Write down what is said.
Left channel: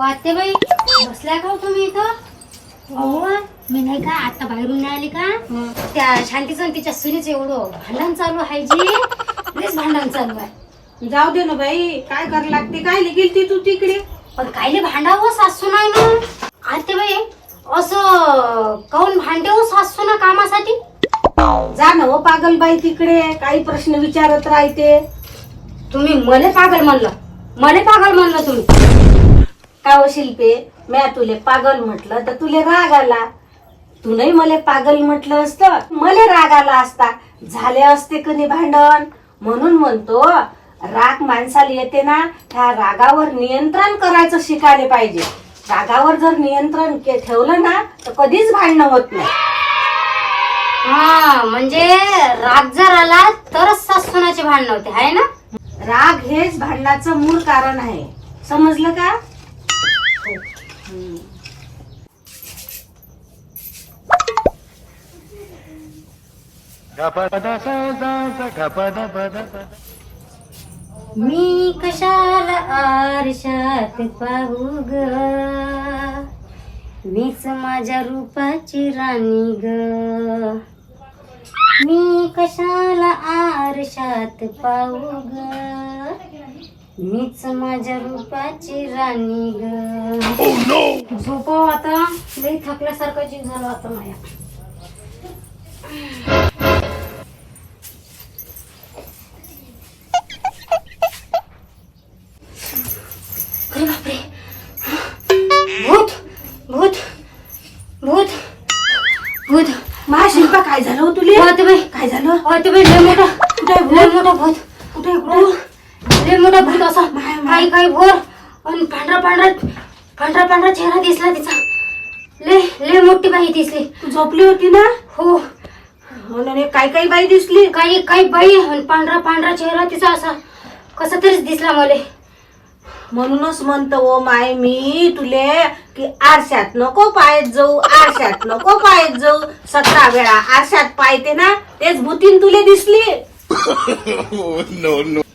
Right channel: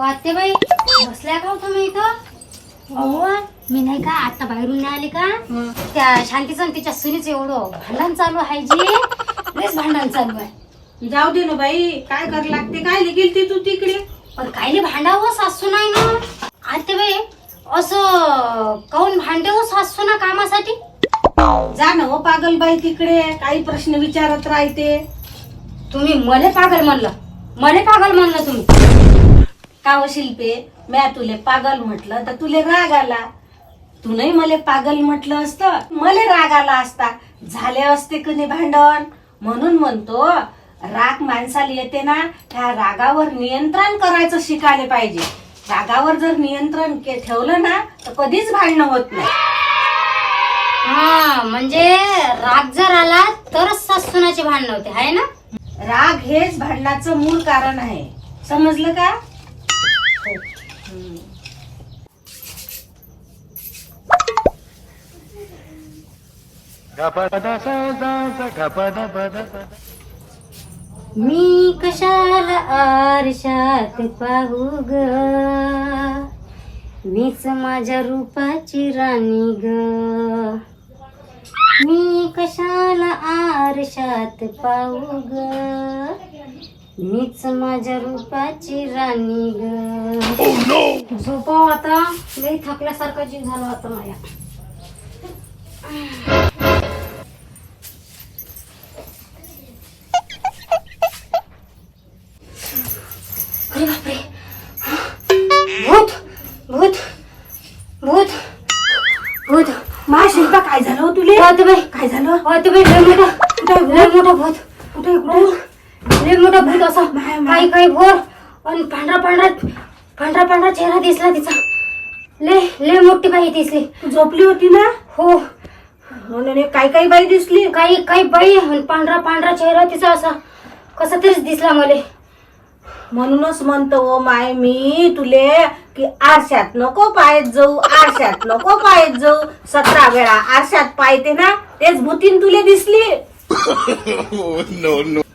वाटते बाई बसल्या का तुम्ही इथं? अहो मी नाही का आता बाहेरून नाही आली का त्या शांतीचं आणि तिच्या सुनीच एवढं भांडण चालू आहे जी लयच भांडण चालू आहे. जाऊ दे ना बाई, काय कर लागते, काय गेलती तू तिकडे? पण कायले भांडावं सासू नाही ना आते बाई, असं काऊन भांडे हो सासू ना कामासाठी? जा ना हो पागल बाई तिकडे, काही प्रश्न विचारत राहते. तुम्ही मले पागल म्हणलं, मले पागल म्हणलं तुम्ही. का हो शिल्पे, म्या तुले पागल म्हटलं तर तुले राग आला. तू नाही मले पागल म्हटलं असतं मले राग आला असता, झाले असते कधी भांडण. म्हणून म्हणतो राग माणसाला येते ना, त्या रागावर नियंत्रण करायचं शिकायला पाहिजे. रागावर जर नियंत्रण ठेवलं ना तर कधीच भांडणं होत नाही. हा म्हणजे राग जर आला तरच सासूनाची भांडण होते आहे ना. राग हेच भांडणाचं मूळ कारण आहे, समजलं का? मी कशाला आरशात पाहू ग, मीच माझ्या रूपाची राणी ग. मी कशाला आरशात पाहू ग, मीच माझ्या रूपाची राणी ग. झोपाव आता, लई थकल्यासारखं जीव झालं आता माझ्या. अरे बापरे, भूत भूत भूत भूत. मा शिल्पा, काय झालं हो तुले? वाटते बाई, काय झालं? वाटते बाई, लय मोठा लय मोठा भूत. कुठे कुठे? लय मोठा भूत असा काही काही भोर आणि पांढरा पांढरा चेहरा दिसला तिचा. लय लय मोठी बाई दिसली. तू झोपली होती ना? हो. म्हणून काय काही बाई दिसली? काही काही बाई आणि पांढरा चेहरा तिचा असा कसा तरीच दिसला मले. म्हणूनच म्हणतो ओ माय मी तुले की आरशात नको पायत जाऊ, आरशात नको पायत जाऊ. 17 वेळा आरशात पायते ना, तेच भूतीन तुले दिसली. No, no.